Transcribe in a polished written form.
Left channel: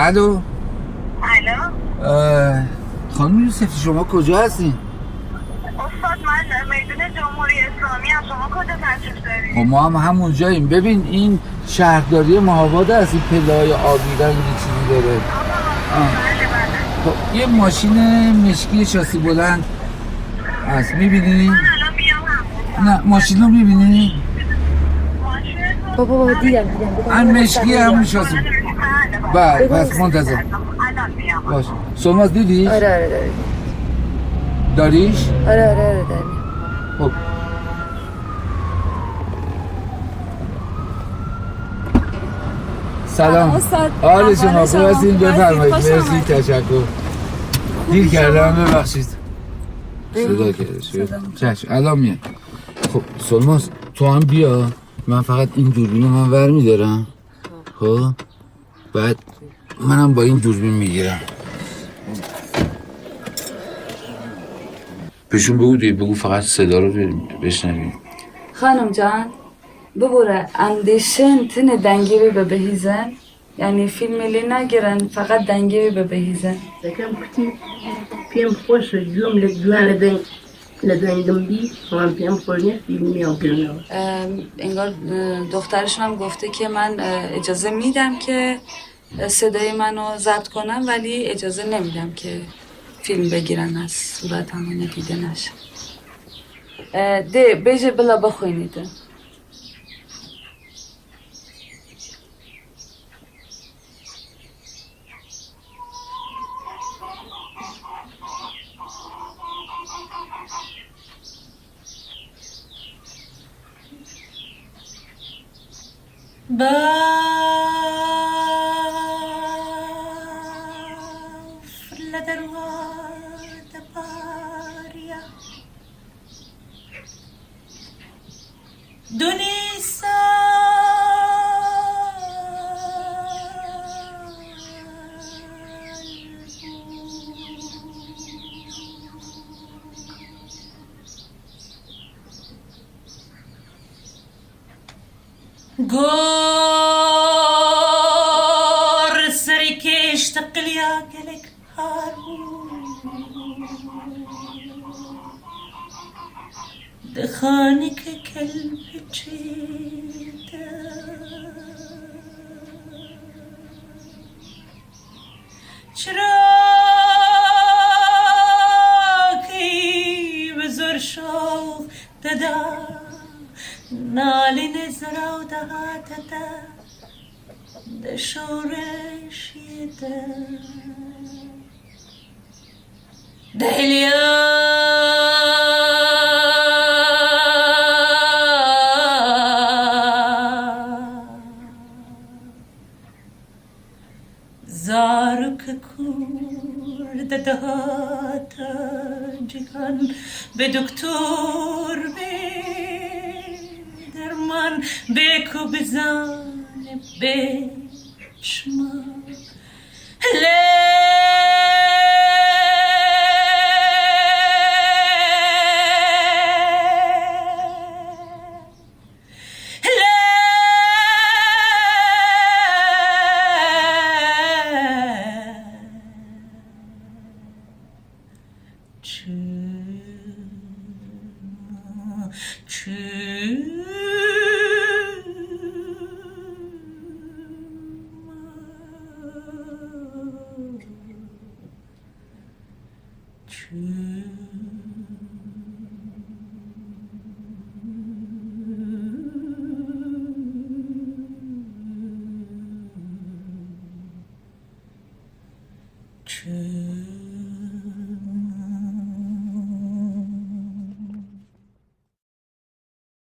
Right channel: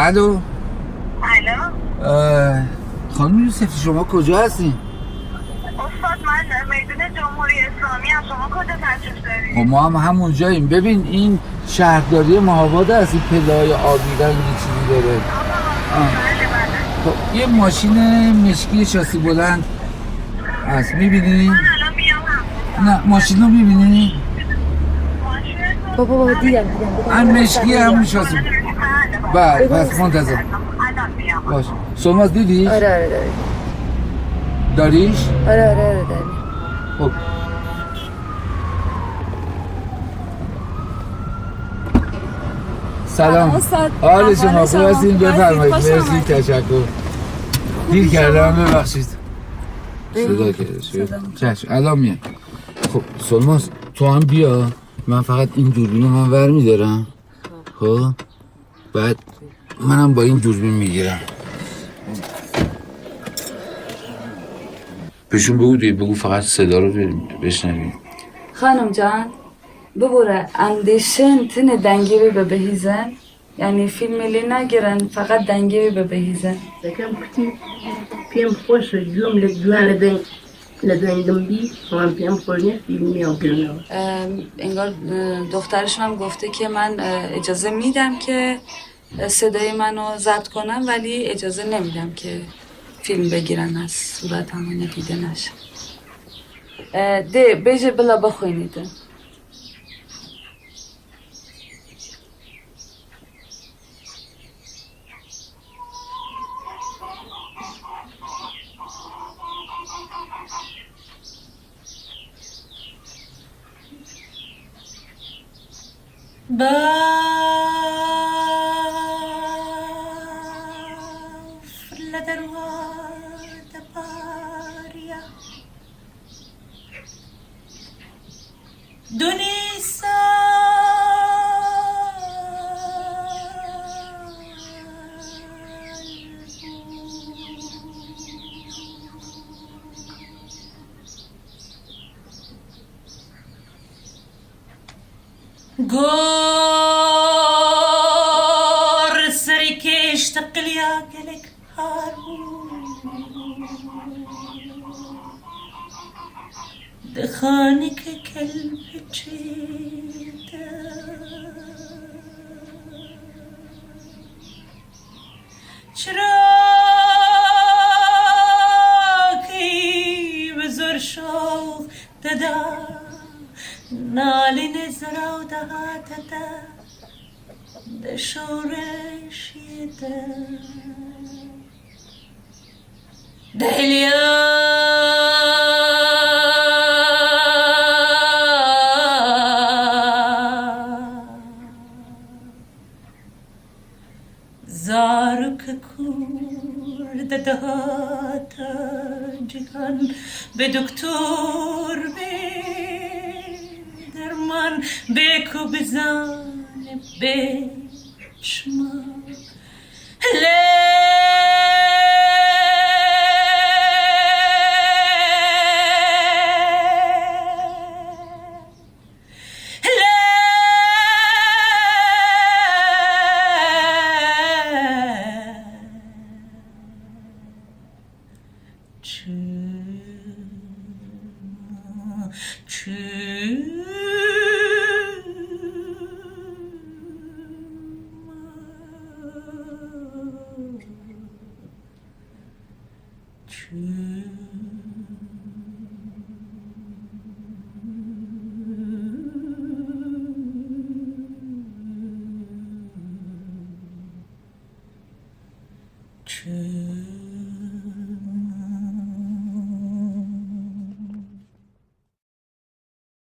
الو. الو. خانم یوسفی شما کجا هستین؟ استاد من میدون جمهوری اسلامی هم. شما کجا تشریف دارید؟ خب ما هم همونجاییم. ببین این شهرداری مهاباد هست، این پله‌های آبی رنگ یه چیزی داره. یه ماشین مشکی شاسی بلند هست، میبینی؟ نه ماشین رو میبینی؟ بابا باید دیگم این مشکی همون شاسی بله پس منتظر باش. شما دیدی؟ آره داریش؟ داره. خب سلام. حال شما ببستین بفرمایید. مرسی تشکر. دیر کردم ببخشید. صدا کرده چشم الان میاد. خب سلمان تو هم بیا، من فقط این دوربین من ور میدارم. خب بعد منم با این دوربین میگیرم. بهشون بگو فقط صدا رو بشنویم. خانم جان ببوره اندیشن تنه دنگیری به بهیزه، یعنی فیلمی نگیرن فقط دنگیری به بهیزه. پیم خوش جلوم لبنان بین لبنان بی من پیم خوش نه فیلمی نگیرم. انگار دخترش هم گفته که من اجازه میدم که صدای منو ضبط کنم ولی اجازه نمیدم که فیلم بگیرن از صورت همه ندیدنش. ده بیجه بلا بخوینید. گور سری کشت قلیا گلک دخانه که کل بچیده شراکی بزر شو ددا نالین زراو دهاتده دشورشیده دهلیا زارک کرد دهاتا جهان به دکتر درمان بکو بزن بشما True.